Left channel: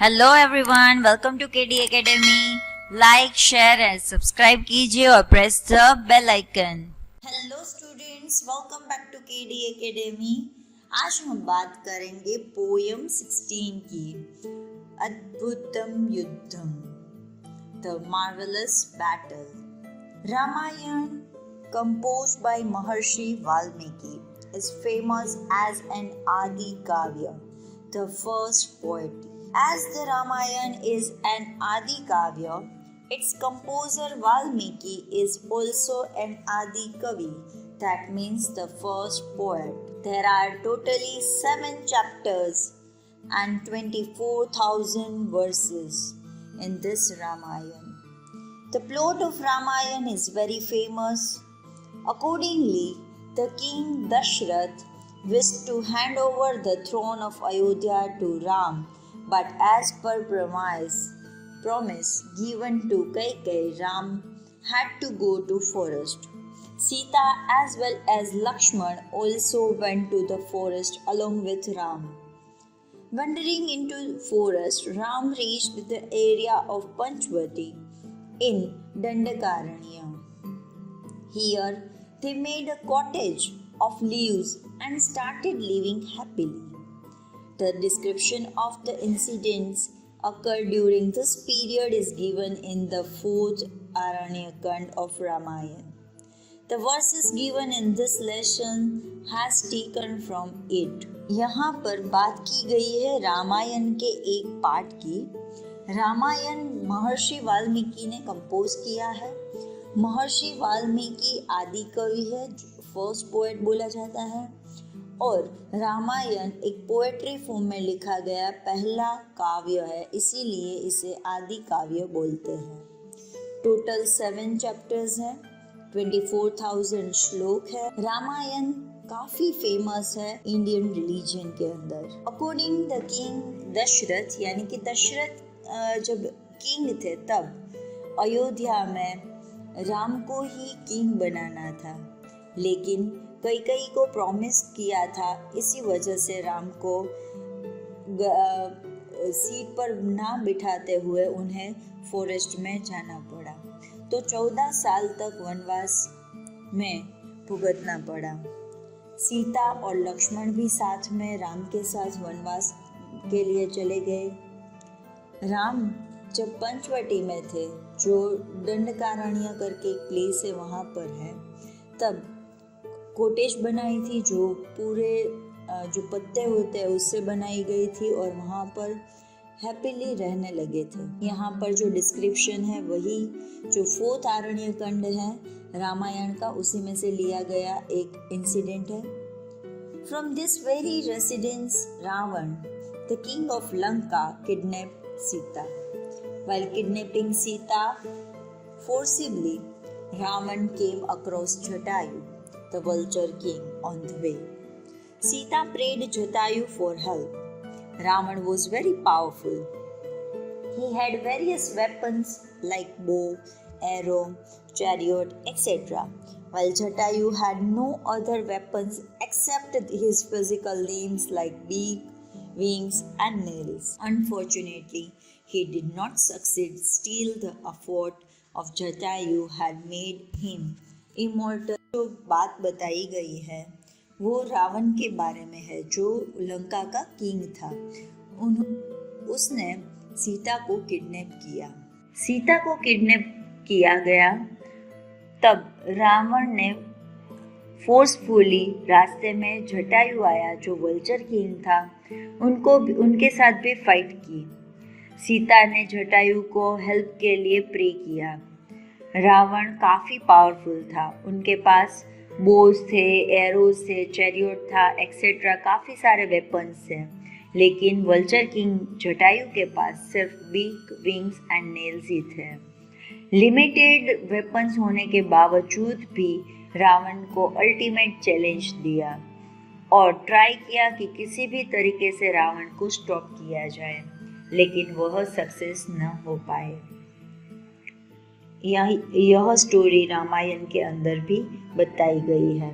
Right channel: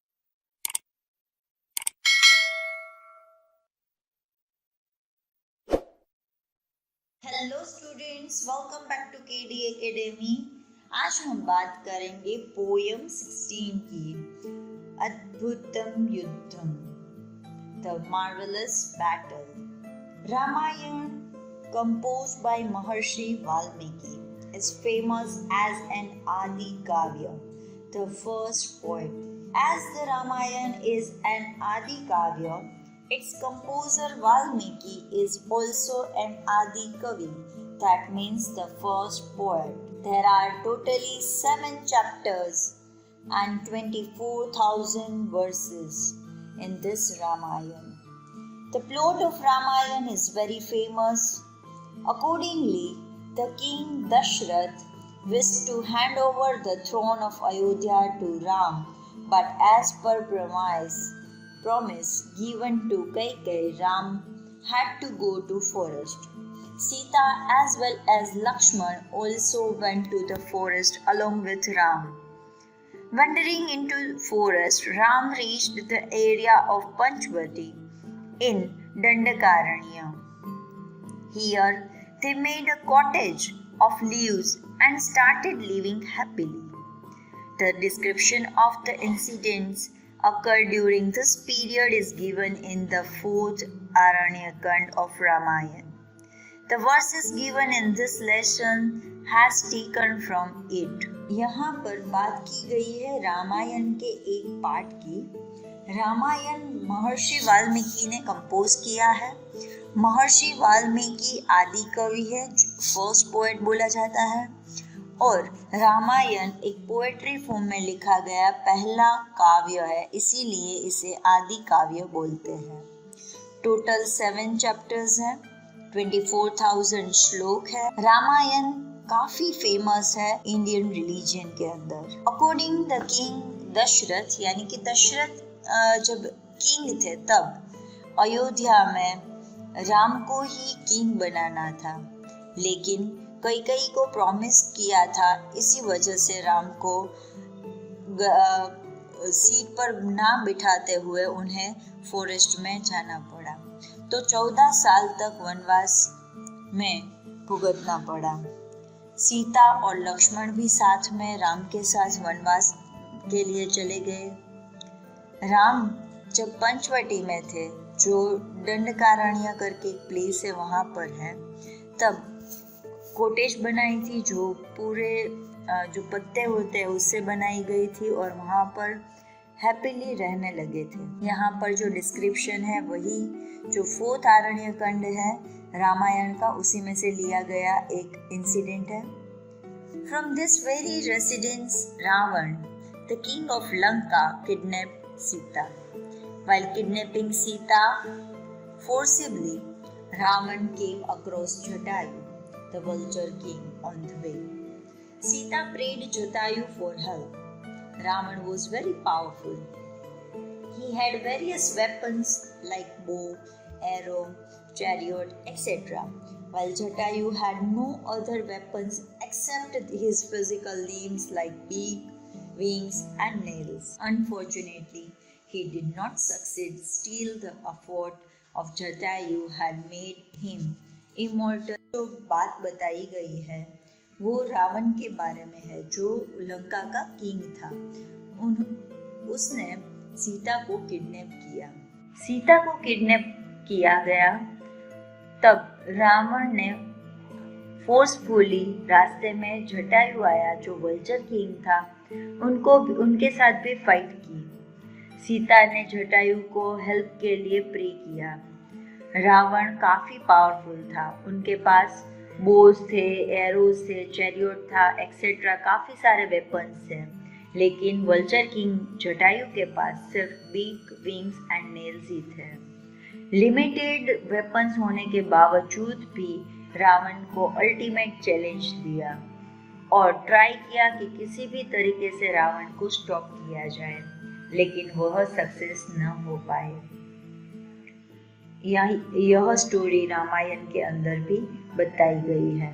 Hello everyone, welcome to KD Academy. Like, share and subscribe कीजिए और press the bell icon. Hello students, welcome back to KD Academy. आज हम बात करेंगे poem 16 की, अद्भुतम युद्धम, the marvellous battle. Ramayana, composed by Maharshi Valmiki, is famous as an Adi Kavya, the first poet. As the Ramayana is an Adi Kavya, its composer Valmiki is also an Adi Kavi, that means the first poet. There are totally 7 chapters and 24,000 verses in this Ramayana. The plot of Ramayana is very famous. Accordingly, the king Dashrath wished to hand over the throne of Ayodhya to Ram, but as per promise given to Kaikeyi, Ram had to go to forest. Sita as well as Lakshman also went to the forest along with Ram. Wandering into forest, Ram reached the area of Panchvati in Dandakaranya. Here, they made a cottage of leaves and started living happily. The description of the incidents occurred during this period is given in the 4th Aranyakand of Ramayana. The verses given in this lesson has taken from it. यहाँ पर बात की गई है रामायण के एक part की। रामायण महर्षि वाल्मीकि ने कंपोज किया है। महर्षि वाल्मीकि आदि कवि है, फर्स्ट पोएट बोला जाता है, और रामायण एक पोएट्री फॉर्म में लिखा गया पहला काव्य है, इसीलिए इसे आदि काव्य बोलते हैं। टोटल 7 चैप्टर्स हैं, 24,000 श्लोक है। रामायण काफी फेमस है इंडियन रिलीजन के अंदर। अकॉर्डिंग द किंग दशरथ, यानी कि दशरथ जब किंग थे तब अयोध्या में राम को ही किंग बनाना था, लेकिन कैकेयी को प्रॉमिस किया था, इसी वजह से राम को सीट पर ना बिठाते हुए उन्हें फॉरेस्ट में जाना पड़ा। तो 14 साल तक वनवास में भुगतना पड़ा। सीता और लक्ष्मण भी साथ में राम के साथ वनवास के लिए चले गए। राम जब पंचवटी में थे, जो दंडकारण्य करके एक प्लेस है वहाँ पर है, तब कॉटेज बनाई थी जो पूरे जो पत्ते होते हैं उससे बनाई गई थी, और वहाँ पर हैप्पीली रहने लगे थे। यहाँ पर जो डिस्क्रिप्शन है वही जो 4th आरण्यकांड है रामायण का, उसी में से लिया गया एक इंसिडेंट है। From this very residence Ravana, the king of Lanka, kidnap Sita. While kidnapping Sita forcibly, Ravan came across Jatayu, the vulture king, on the way. Sita prayed Jatayu for help. Ravan was very powerful. He had various weapons like bow, arrow, chariot, etc., while Jatayu had no other weapons except his physical limbs like beak, wings and nails. Unfortunately, he did not succeed. Still, the effort of Jatayu had made him immortal. जो बात बताई गई है वो रावण के बारे में है, जो लंका का किंग था। उसने सीता को किडनैप किया। सीता को किडनैप किया गया, तब रावण ने फोर्सफुली रास्ते में जटायु आया जो वल्चर किंग था, उनके साथ भी फाइट की। सीता ने जटायु को हेल्प के लिए प्रे किया। रावण काफ़ी पावरफुल था, उनके पास बोस थे, एरोज थे, चैरियट था, एक्सेट्रा, काफ़ी सारे वेपन्स थे, लेकिन वल्चर किंग जटायु के पास सिर्फ बीक, विंग्स एंड नेल्स ही थे। लिमिटेड वेपन्स होने के बावजूद भी रावण को अल्टीमेट चैलेंज दिया और ट्राई किया कि किसी भी तरीके से रावण को स्टॉप किया जाए, लेकिन वह सक्सेस न हो पाए। यह स्टोरी रामायण के अंदर भी बताई गई है।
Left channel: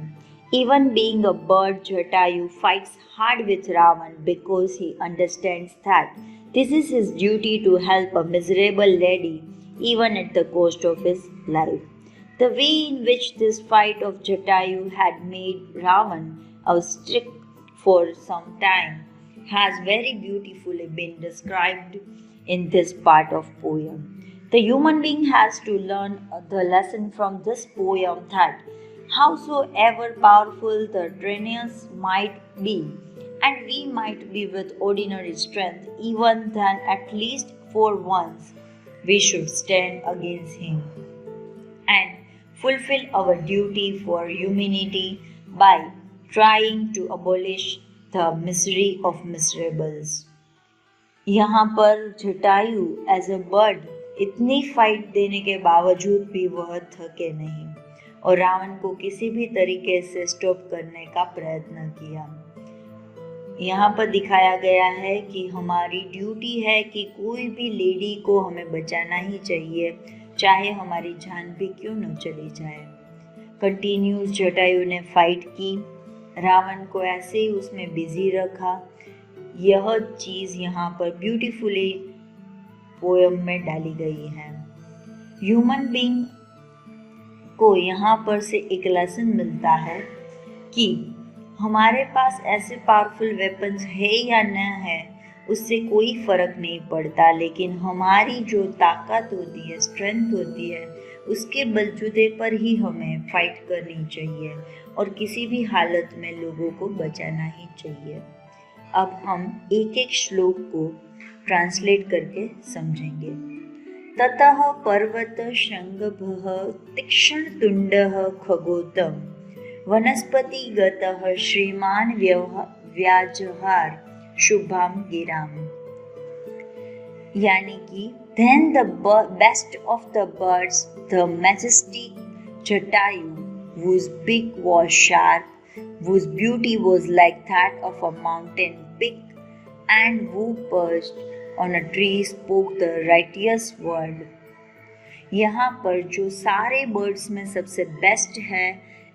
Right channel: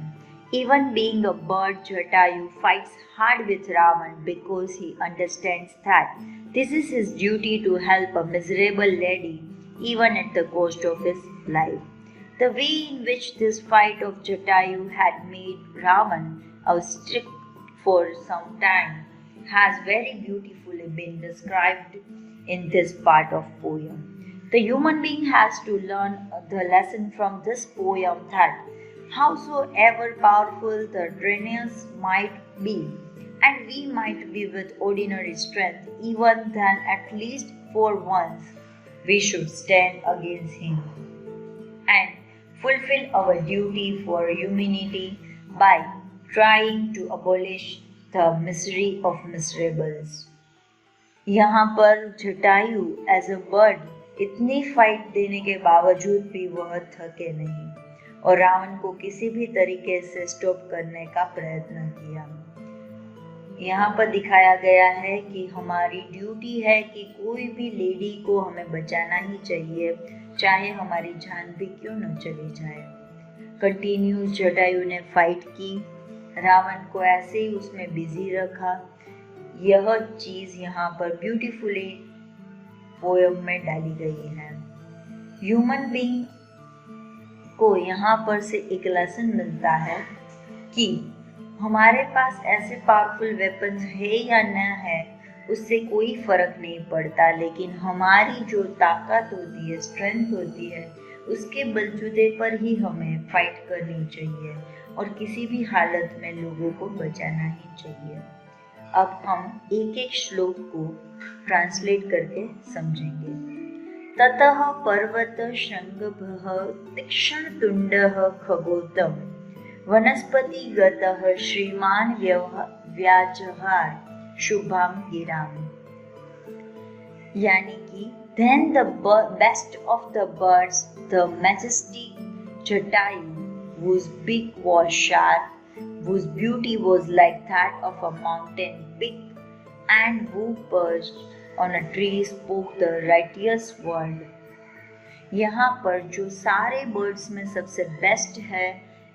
Even being a bird, Jatayu fights hard with Ravan because he understands that This is his duty to help a miserable lady, even at the cost of his life. The way in which this fight of Jatayu had made Ravan a stick for some time has very beautifully been described in this part of poem. The human being has to learn the lesson from this poem that howsoever powerful the Dranius might be, and we might be with ordinary strength, even then at least for once we should stand against him and fulfill our duty for humanity by trying to abolish the misery of miserables. यहाँ पर Jatayu as a bird इतनी fight देने के बावजूद भी वह थके नहीं और रावण को किसी भी तरीके से स्टॉप करने का प्रयत्न किया। यहाँ पर दिखाया गया है कि हमारी ड्यूटी है कि कोई भी लेडी को हमें बचाना ही चाहिए, चाहे हमारी जान भी क्यों न चली जाए। कंटिन्यूस जटायु ने फाइट की, रावण को ऐसे ही उसमें बिजी रखा। यह चीज यहाँ पर ब्यूटीफुली पोयम में डाली गई है। ह्यूमन बीइंग को यहाँ पर से एक लेसन मिलता है कि हमारे पास ऐसे पावरफुल वेपन्स है या न है उससे कोई फर्क नहीं पड़ता, लेकिन हमारी जो ताकत होती है, स्ट्रेंथ होती है, उसके बलबूते पर ही हमें फाइट करनी चाहिए और किसी भी हालत में लोगों को बचाना ही चाहिए। अब हम एक एक श्लोक को ट्रांसलेट करके समझेंगे। ततः पर्वत शृंगभः तीक्ष्ण तुंडः खगोतम वनस्पति गतः श्रीमान व्याजहार शुभम गिराम। यानी कि then the best of the birds, the majestic Jatayu, whose beak was sharp, whose beauty was like that of a mountain peak, and who perched on a tree spoke the righteous word. यहाँ पर जो सारे birds में सबसे best है,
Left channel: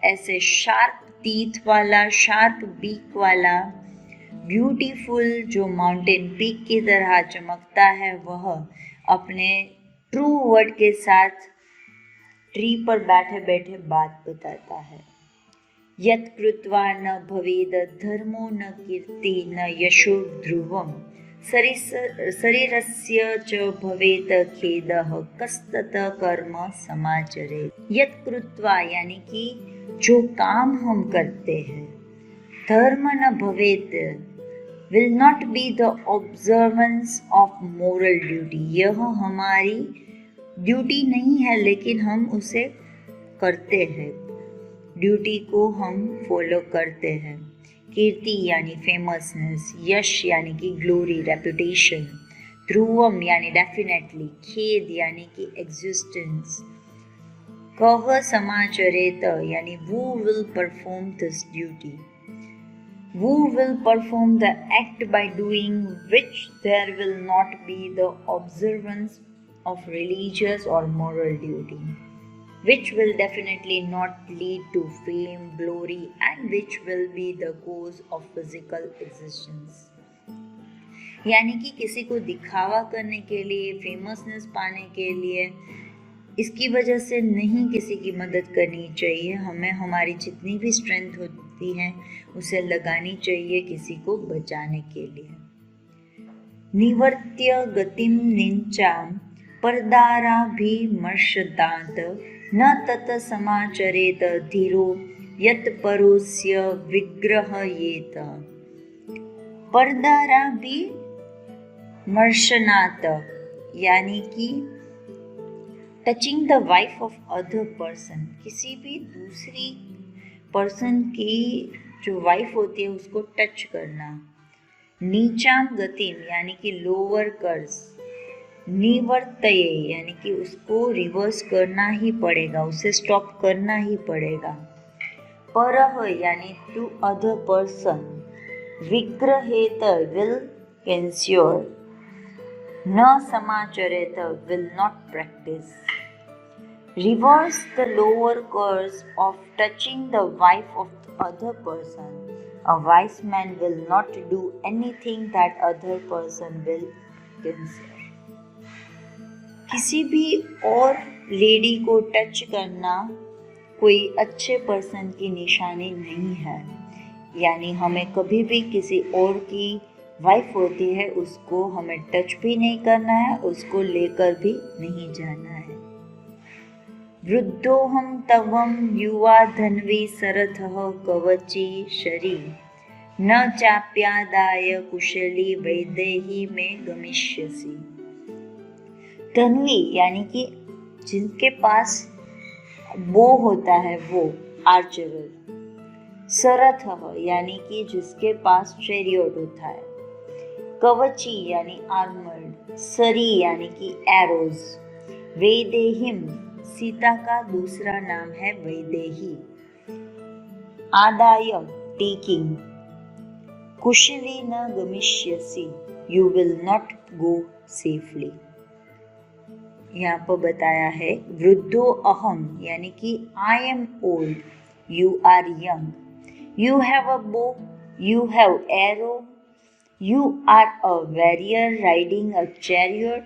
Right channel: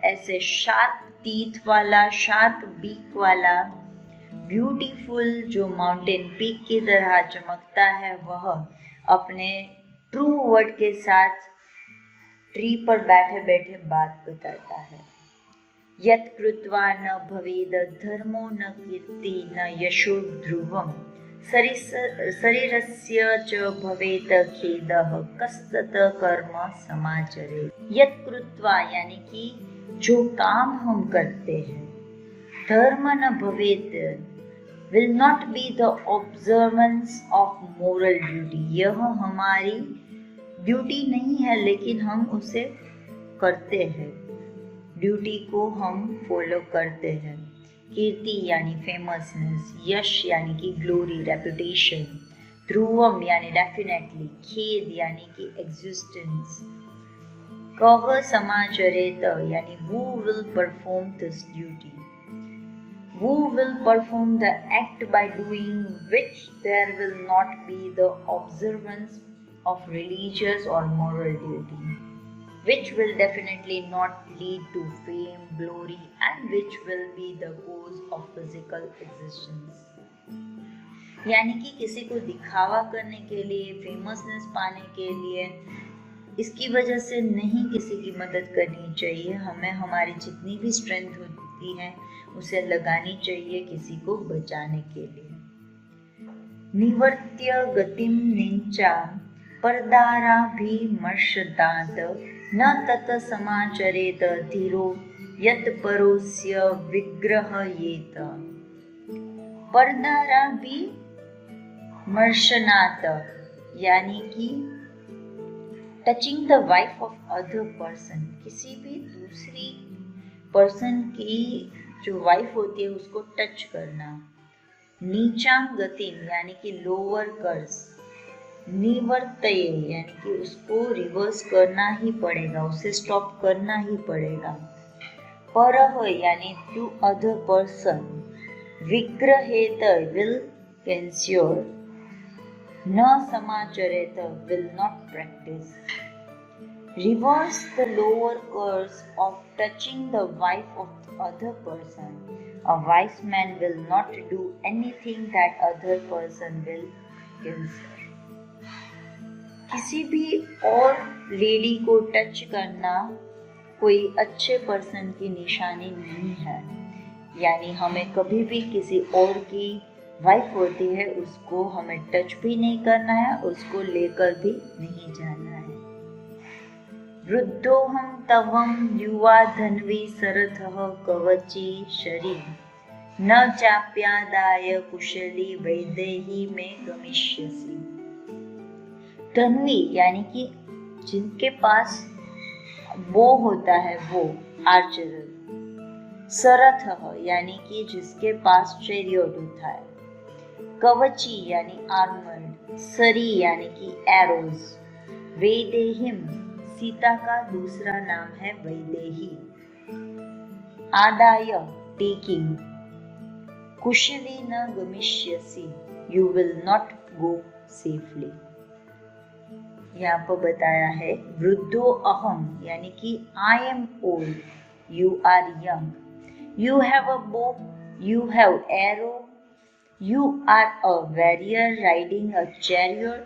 ऐसे sharp teeth वाला, sharp beak वाला, ब्यूटीफुल जो माउंटेन पीक की तरह चमकता है, वह अपने ट्रू वर्ड के साथ ट्री पर बैठे बैठे बात बताता है। यत् कृत्वा न भवेद धर्मो न कीर्ति न यशो ध्रुवम शरीरस्य च भवेत खेदः कस्तत कर्म समाचरे। यत् कृत्वा यानी कि जो काम हम करते हैं, धर्म न भवेत will not be the observance of moral duty, यह हमारी ड्यूटी नहीं है लेकिन हम उसे करते हैं, ड्यूटी को हम फॉलो करते हैं। कीर्ति यानी फेमसनेस, यश यानी कि ग्लोरी, रेपुटेशन, ध्रुवम यानी डेफिनेटली, खेद यानी कि एग्जिस्टेंस, कह समाचरेत यानी who will perform this duty, who will perform the act by doing which there will not be the observance of religious or moral duty, which will definitely not lead to fame, glory, and which will be the cause of physical existence. यानी कि किसी को दिखावा करने के लिए, फेमसनेस पाने के लिए, इसकी वजह से नहीं किसी की मदद करनी चाहिए। हमें हमारी जितनी भी स्ट्रेंथ होती है उसे लगानी चाहिए किसी को बचाने के लिए। निवर्त्य गतिम निंचाम परदाराभिमर्शदात न तत समाचरेत धीरो यत् परोस्य विग्रहयेत। परदाराभिमर्शनात यानी कि touching the wife of other person, किसी भी दूसरी पर्सन की जो वाइफ होती है उसको टच करना। नीचाम गतिम यानी कि लोअर कर्स, निवर्तये यानी कि उसको रिवर्स करना ही पड़ेगा, उसे स्टॉप करना ही पड़ेगा। परह यानी टू अदर पर्सन, विग्रहेत विल कंस्योर, न समाचरेत will not practice. Reverse the lower curse of touching the wife of the other person. A wise man will not do anything that other person will cancer. किसी भी और lady को touch करना कोई अच्छे person की निशानी नहीं है, यानी हमें कभी भी किसी और की वाइफ होती है उसको हमें टच भी नहीं करना है, उसको लेकर भी नहीं जाना है। वृद्धोहम तवम युवा धन्वी सरथः कवची शरी न चाप्यादाय कुशली वैदेही में गमिष्यसि। धन्वी यानी कि जिनके पास बो होता है वो आर्चरर, सरथ यानी कि जिसके पास चैरियट होता है, कवची यानी आर्मर्ड, सरी यानी कि एरोज, वैदेहिम सीता का दूसरा नाम है वैदेही, आदाय टेकिंग, कुशली न गमिष्यसि you will not go safely. यहाँ पर बताया है वृद्धो अहम यानी कि I am old, you are young, you have a bow, you have arrow, you are a warrior riding a chariot,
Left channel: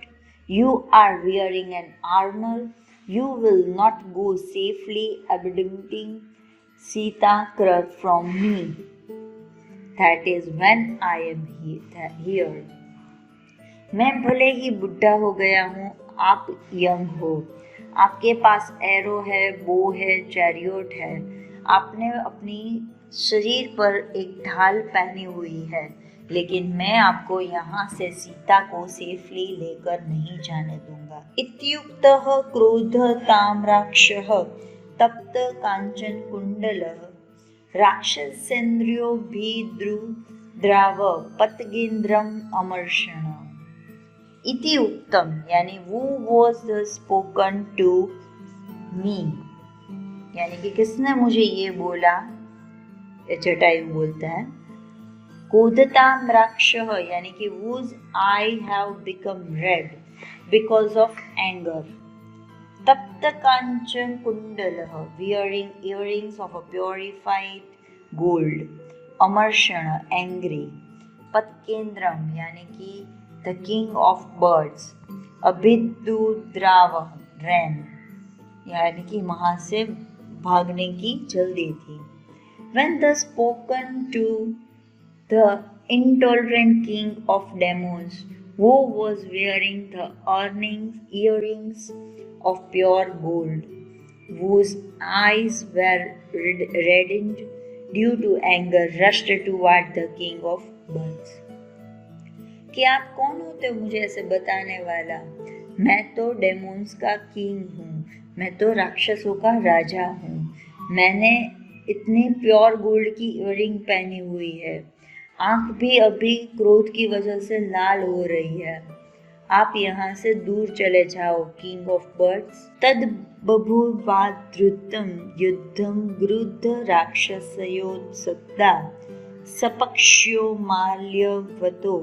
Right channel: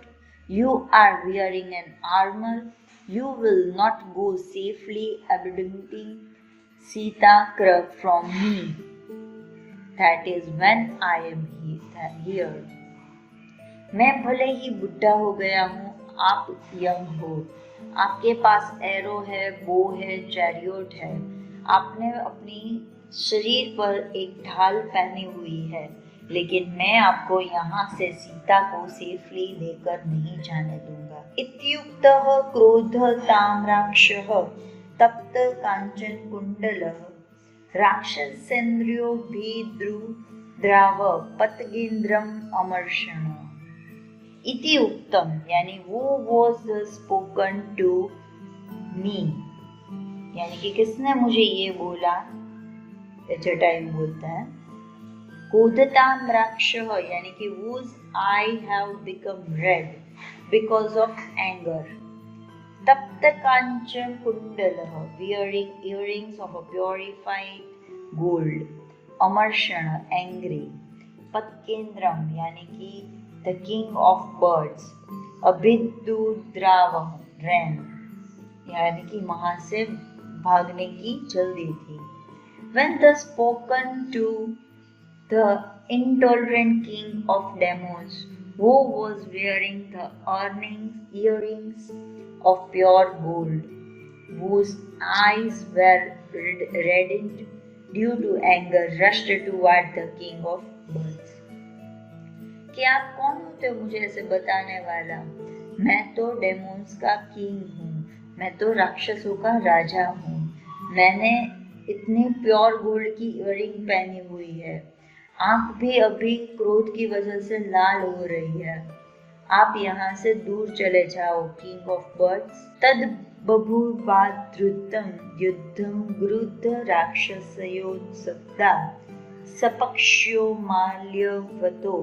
you are wearing an armor, you will not go safely abiding Sita from me, that is when I am here। मैं भले ही बुढ़ा हो गया हूँ, आप young हो, आपके पास arrow है, बो है, चैरियट है, आपने अपनी शरीर पर एक ढाल पहनी हुई है, लेकिन मैं आपको यहाँ से सीता को सेफली लेकर नहीं जाने दूंगा। इत्युक्तः क्रोधतां राक्षः तप्त कांचन कुंडलः राक्षसेन्द्रियो भीद्रुद्राव पतगेन्द्रम अमर्षण। इति उक्तम यानी वो was spoken to me, यानी कि किसने मुझे ये बोला, जटायु बोलता है। क्रोधतां राक्षः यानी कि whose I have become red because of anger। तप्त कांचन कुंडलः wearing earrings of a purified gold। अमर्षण angry। पतकेंद्रम यानी कि the king of birds। अभिद्रुद्रावः ran यानी कि वहां से भागने की जल्दी थी। When thus spoken to the intolerant king of demons, who was wearing the earrings of pure gold, whose eyes were reddened due to anger, rushed toward the king of birds। कि आप कौन होते हो मुझे ऐसे बताने वाला? मैं तो डेमोन्स का किंग हूँ, मैं तो राक्षसों का राजा हूँ, मैंने इतनी प्योर गोल्ड की इयररिंग पहनी हुई है, आंख भी अभी क्रोध की वजह से लाल हो रही है, आप यहाँ से दूर चले जाओ किंग ऑफ बर्ड्स। तद बभूवाद्रुतं युद्धं गृध्र राक्षसयोत्सक्ता सपक्ष्यो माल्यवतो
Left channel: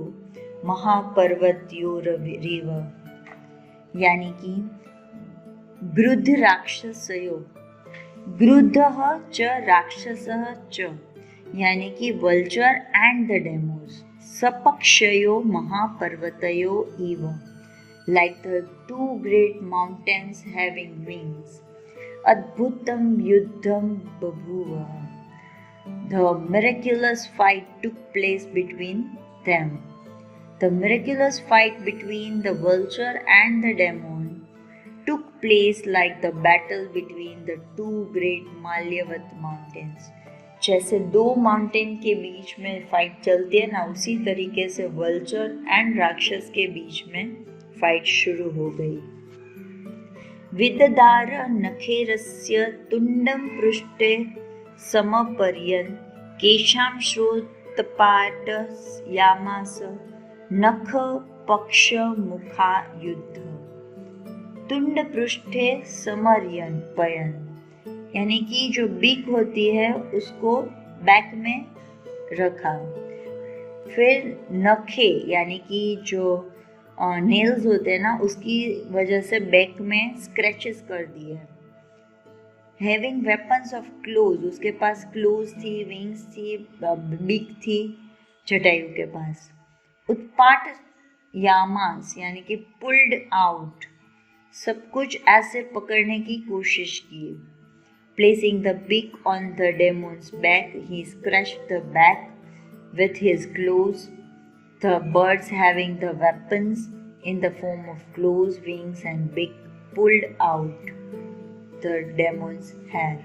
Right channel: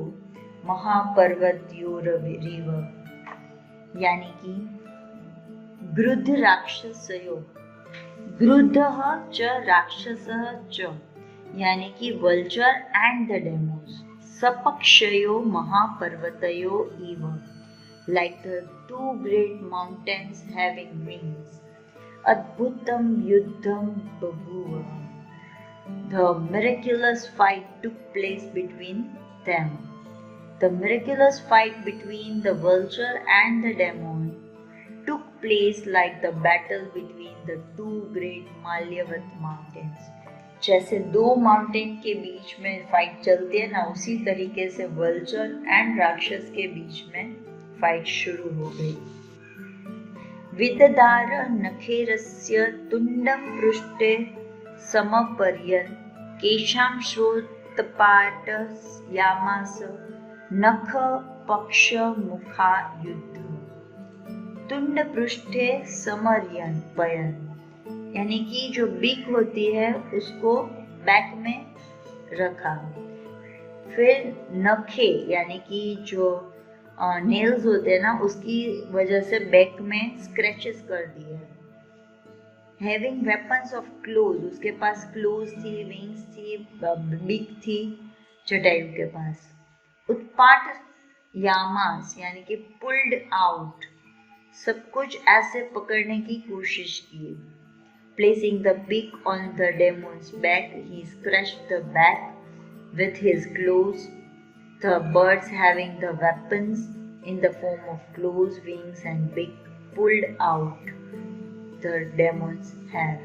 महापर्वत्योररिव। यानी कि गृध्र राक्षसयो, गृद्धः च राक्षसः च यानी कि वल्चर एंड द डेमोस, सपक्षयो महापर्वतयो इव, like the two great mountains having wings। अद्भुतम युद्धम बभूव, the miraculous fight took place between them। The miraculous fight between the vulture and the demon took place like the battle between the two great Malyavat mountains। जैसे दो mountain के बीच में fight चलती है ना, उसी तरीके से वल्चर एंड राक्षस के बीच में फाइट शुरू हो गई। विददार नखेरस्य तुंडम पृष्ठे समपर्यन् केशां श्रोतपाट यामास नख पक्ष मुखा युद्ध। तुंड पृष्ठे समर्यन पयन यानी कि जो बीक होती है उसको बैक में रखा, फिर नखे यानी कि जो नेल्स होते हैं ना उसकी वजह से बैक में स्क्रैचेस कर दिए। हैविंग वेपन्स ऑफ क्लोज, उसके पास क्लोज थी, विंग्स थी, बीक थी जटायु के पास। उत्पाट यामास यानी कि पुल्ड आउट, सब कुछ ऐसे पकड़ने की कोशिश की। Placing the big on the demons back, he scratched the back with his claws, the birds having the weapons in the form of claws, wings and beak pulled out the demon's hair.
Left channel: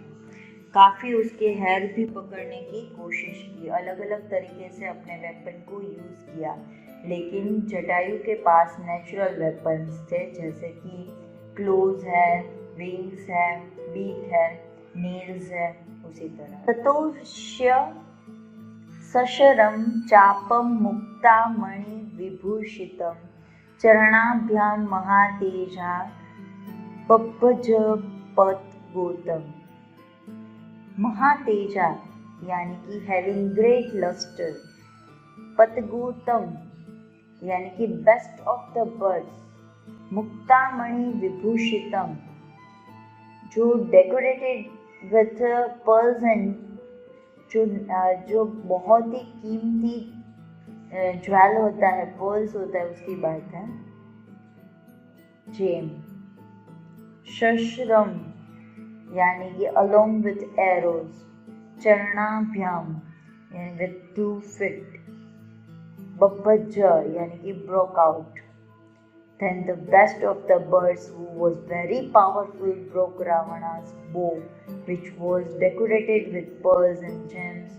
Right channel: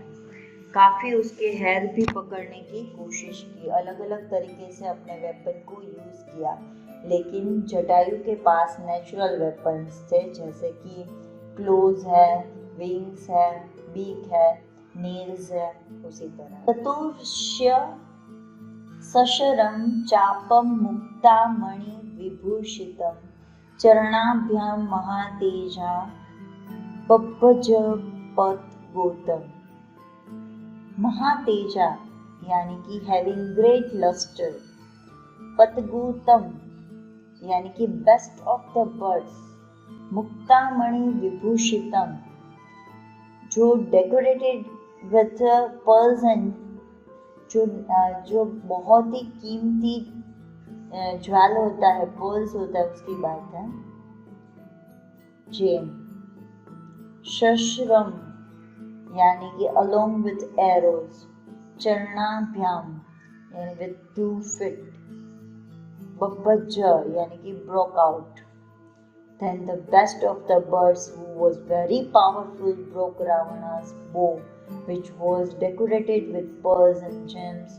काफ़ी उसके hair भी पकड़ने की कोशिश की, अलग अलग तरीके से अपने वेपन को यूज़ किया, लेकिन जटायु के पास नेचुरल वेपन्स थे, जैसे कि क्लोज है, विंग्स है, बीक है, नेल्स है, उसी तरह। ततोष्य सशरं चापं मुक्तामणि विभूषितं चरणाभ्यां महातेजा बभ्भजपद्गोतम। महातेजा यानी कि हैविंग ग्रेट लस्टर, पतगोतम यानी कि बेस्ट ऑफ द बर्ड्स, मुक्तामणि विभूषितम जो डेकोरेटेड विथ पर्ल्स एंड जो बहुत ही कीमती ज्वेल होता है, पर्ल्स होता है, उसकी बात है। जेम। शश्रम यानी कि अलोंग विथ एरोज, चरणाभ्याम यानी विथ 2 feet, बब्बज यानी कि broke out. Then the best of the birds, who was very powerful, broke Ravana's bow, which was decorated with pearls and gems,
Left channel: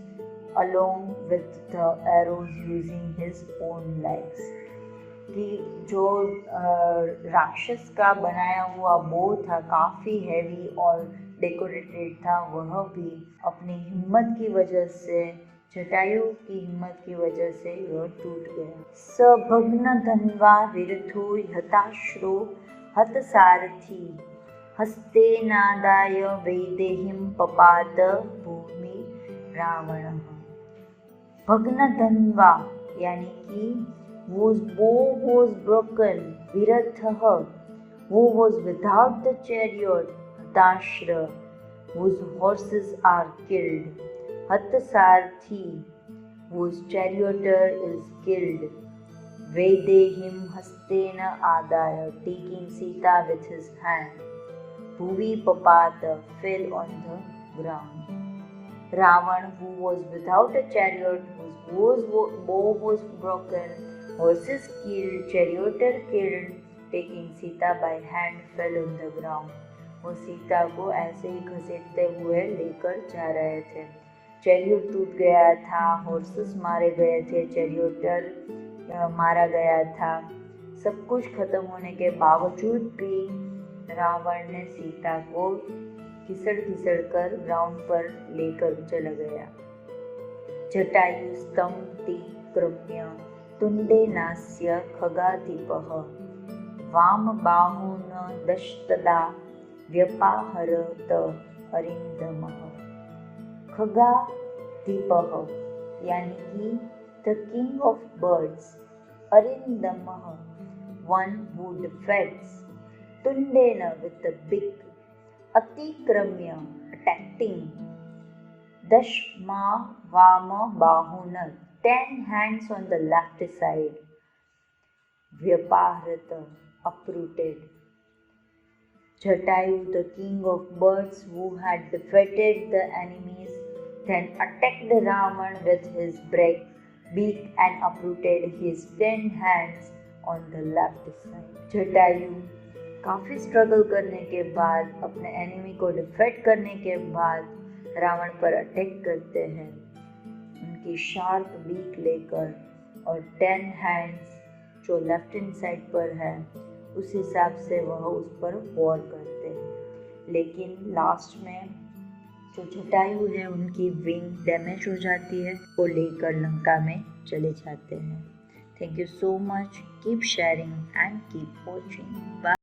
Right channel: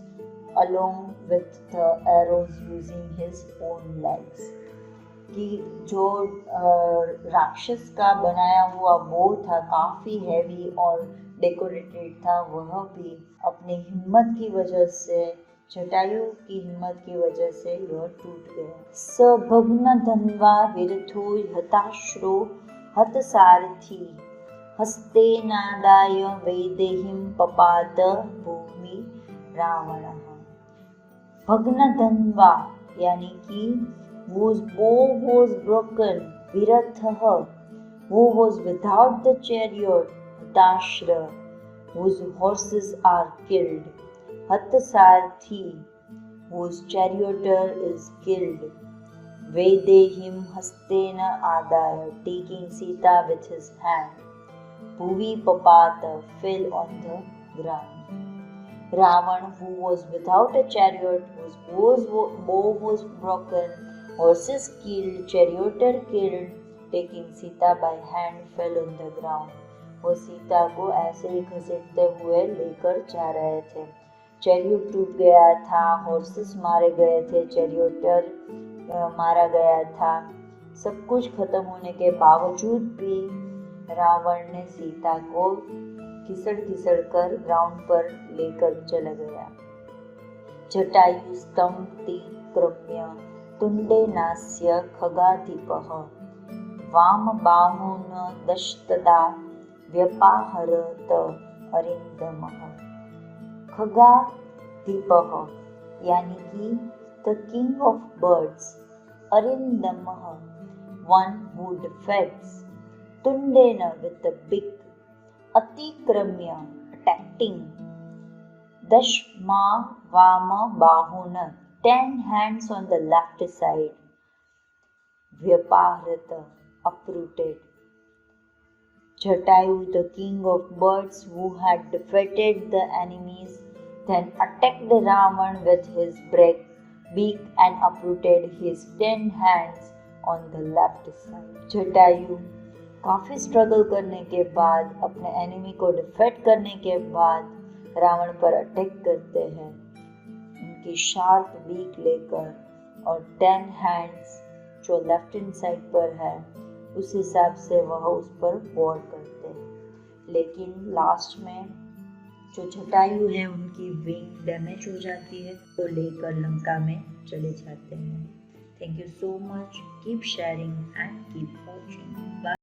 along with the arrows using his own legs. कि जो राक्षस का बनाया हुआ बो था, काफ़ी हैवी और डेकोरेटेड था, वह भी अपनी हिम्मत की वजह से, जटायु की हिम्मत की वजह से यह टूट गया। सभग्न धन्वा विरथो हताश्रो हतसारथी हस्ते नादाय वैदेहीं पपात भूमि रावणः। भग्न धन्वा यानी कि whose bow was broken, viratha who was without the chariot, hatashra whose horses are killed, Hatasarthi, whose charioteer is killed, Vedehim hastena adaya, taking Sita with his hand, Bhuvi papata, fell on the ground. Ravan, who was without a chariot, whose bow was broken, horses killed, charioteer killed, taking Sita by hand, fell on the ground. वो सीता को ऐसे ही घसीटते हुए लेकर जा रहे थे। Chariot टूट गया था, हॉर्सेस मारे गए थे, चैरियोटर मारा गया था। सब कुछ खत्म होने के बावजूद भी रावण ने सीता को घिसड़ कर ग्राउंड पर लेकर चला गया। जटायु स्तंभति क्रम्य तुंडे नास्य खगाधिपः वाम बाहुन दशतदा व्यपाहरत अरिंदमः। खगाधिपः यानी कि द किंग ऑफ बर्ड्स, अरिंदमः one who defends, तुंडेन with the big, अतिक्रम्य attacking, दशमा वाम बाहुन 10 hands on the left side, व्यपाहरत uprooted. Jatayu, the king of birds who had defeated the enemies, then attacked Ravan with his beak and uprooted his 10 hands on the left side. Jatayu काफ़ी struggle करने के बाद, अपने enemy को defeat करने के बाद रावण पर अटैक करते हैं उनकी शार्प बीक लेकर, और 10 हैंड्स जो लेफ्ट हैंड साइड पर है उस हिसाब से वह उस पर वॉर करते हैं। लेकिन लास्ट में जो जटायु है उनकी विंग डैमेज हो जाती है, वो लेकर लंका में चले जाते हैं। Thank you so much, keep sharing and keep watching. Bye.